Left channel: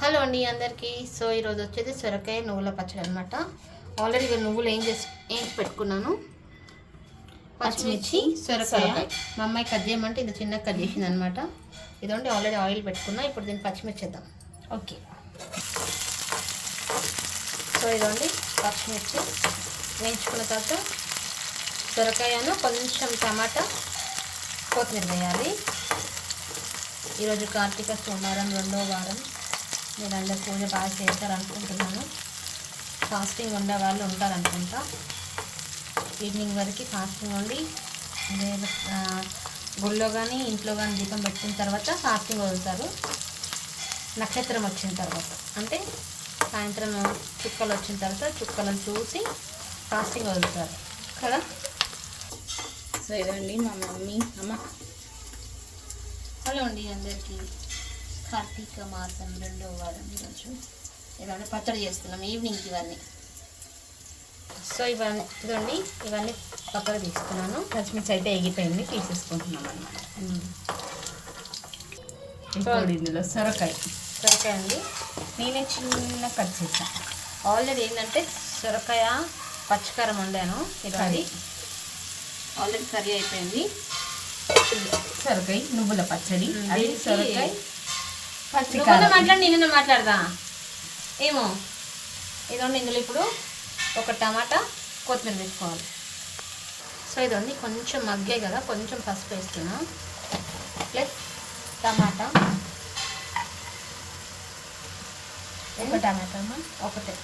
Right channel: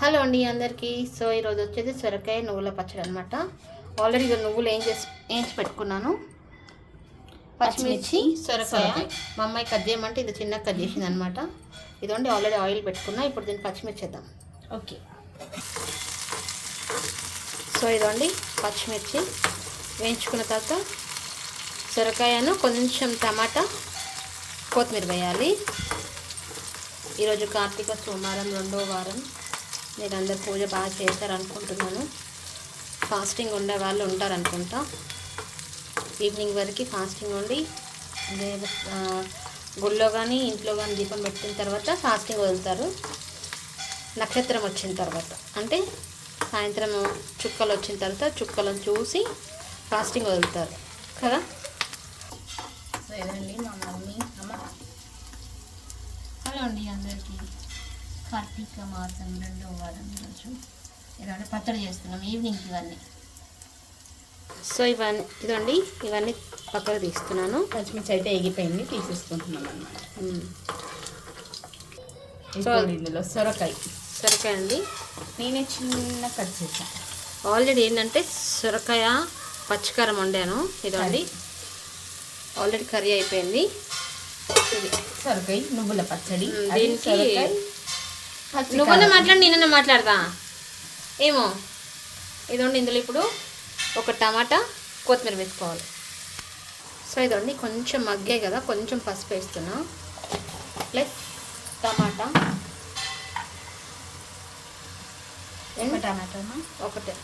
Hello అండి అందరికీ. So ఈరోజు వచ్చేసి సొరకాయ నువ్వుల పచ్చడి అనమాట ఆల్రెడీ నువ్వులు ఏం చేసి ఏంచి పెట్టుకున్నాను? పచ్చిమిర్చి సొరకాయ. మా అమ్మాయి కట్ చేయమంటే ఇది చిన్న కట్ చేసింది అనమాట ఇదండి ఆల్రెడీ ఆయిల్ పెట్టుకున్నా ఇప్పుడు దీన్ని పచ్చిమిర్చి వేద్దాం ఓకే. సో ఇదండి పచ్చిమిర్చి వేయించుకున్న తర్వాత సొరకాయను కొంచెం టమాటా కొత్తిమీర వేయాలి. ఈరోజు కార్తీక సోమవారం రెండో వారం. మీరు అందరు పూజ బాగా చేస్తారనుకుంటున్నాను. ఫాస్టింగ్ ఉండే వాళ్ళు ఉంటారనుకుంటా. ఈవినింగ్ వరకు ఫాస్టింగ్ ఉండి గుళ్ళో కానీ ఇంట్లో కానీ దీపం పెట్టిన తర్వాత ఫాస్టింగ్ వదులుతారు. నక్షత్రం వచ్చిన తర్వాత. అంటే సాయంత్రం చుక్కలు వచ్చిన తర్వాత చుక్కలను చూసి ఫాస్టింగ్ వదులుతారు. కదా? సో ఇదండి మా మమ్మీ అమ్మ. హలో అండి అందరికీ. కార్తీక మాసం రెండవ వారం ఈరోజు. ఇలాంటి పచ్చడి చేస్తున్నాం ఈవినింగ్ ఇవన్నీ. సో ఇవన్నీ ఇదండి ఇవన్నీ పక్కకు తీస్తున్నాను. పచ్చిమిర్చి అయితే ఎగిపోయింది తీసేసుకుంటున్నాం అనమాట ఇందులో సొరకాయ. సొరకాయ అండి. నేనే చిన్న కట్ చేసాను ఆల్రెడీ ఏంటంటే సొరకాయ పచ్చికారం వండాను ఇదండి ఆల్రెడీ కర్రీ అయిపోయింది. సొరకాయ నువ్వుల పచ్చడి సొరకాయ. నువ్వన్నా. మాట్లాడి నేనన్నా మాట్లాడదా? ఏమో. ఇదండి ఇందులో ఇప్పుడు ఒక టమాటా కొత్తిమీర వేసుకోవాలి. సో ఇదండి కొంచెం మగ్గాయి కదా కొంచెం పసుపు వేస్తున్నా. ప్లస్ టమాటా. ఒక టమాటా. ఒకటే.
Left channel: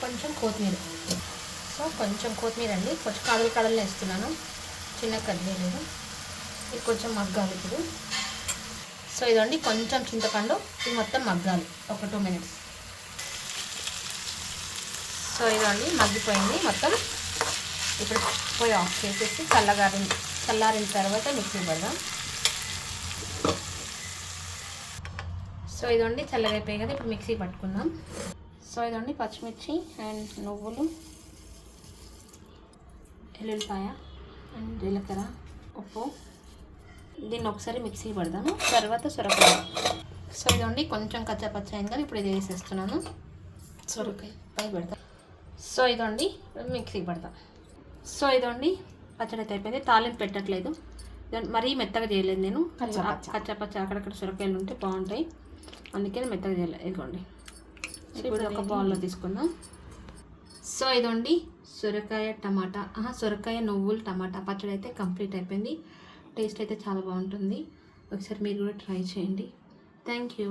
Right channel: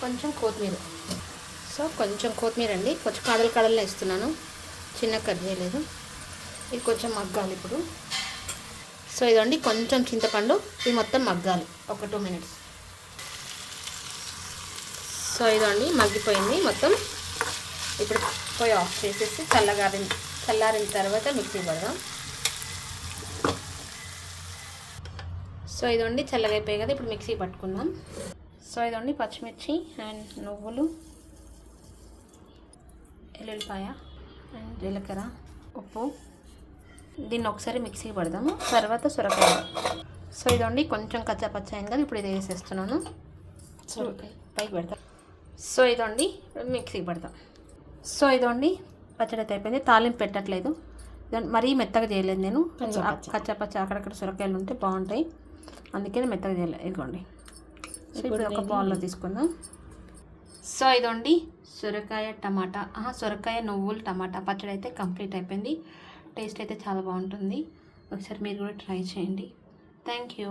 కొంచెం కొత్తిమీర. సో కొంచెం కొత్తిమీర అండి. కొంచెం కడలు కడలు వేస్తున్నాను. చిన్న కట్ చేయలేదు. ఇది కొంచెం మగ్గాలి ఇప్పుడు. సో ఇదండి కొంచెం చింతపండు ఇది మొత్తం మగ్గాలి ఒక టూ మినిట్స్ సో ఇదండి మగ్గిపోయింది మొత్తం ఇప్పుడు పోయి ఆఫ్ చేసేసి చల్లగారి చల్లారిన తర్వాత మిక్సీ పడదాం. సో ఇదండి చల్లగా కదా ఇప్పుడు మిక్సీ పట్టుకుందాం. సో ఇదండి పచ్చిమిర్చి అండ్ నువ్వులు ఎల్లుల్లిపాయ అండ్ జీలకర్ర ఉప్పు. దీన్ని ఒకసారి మిక్సీ పడదాము. తర్వాత సొరకాయ. సో ఇదండి కొంచెం కచ్చా పచ్చ అయింది ఇప్పుడు ఇది వేసేస్తున్నాను. సొరకాయ పై పెడతాం సో ఇదండి మిక్సీ పడతాం సో ఇదండి పచ్చడి అయితే అయిపోయింది. తాలింపు పెట్టట్లేదు. మరీ మెత్తగా చేయలేదు నేను. కచ్చా పచ్చ. కచ్చా పచ్చ అక్కడక్కడ సొరకాయలు ఉంటే బాగుంటాయి. అందుకని మెత్తగా చేయలేదు ఇదిగోండి. ఇప్పుడు ఒక బౌల్లో తీసుకుందాం. సో ఇదండి సొరకాయ టమాటా. ఆహా, సొరకాయ నువ్వులు టమాటా. పచ్చడి అయితే కంప్లీట్ అయిపోయింది. టేస్ట్ అయితే చాలా బాగుంటుంది. ఒకసారి మీరు కూడా ట్రై చేయండి. Thank you.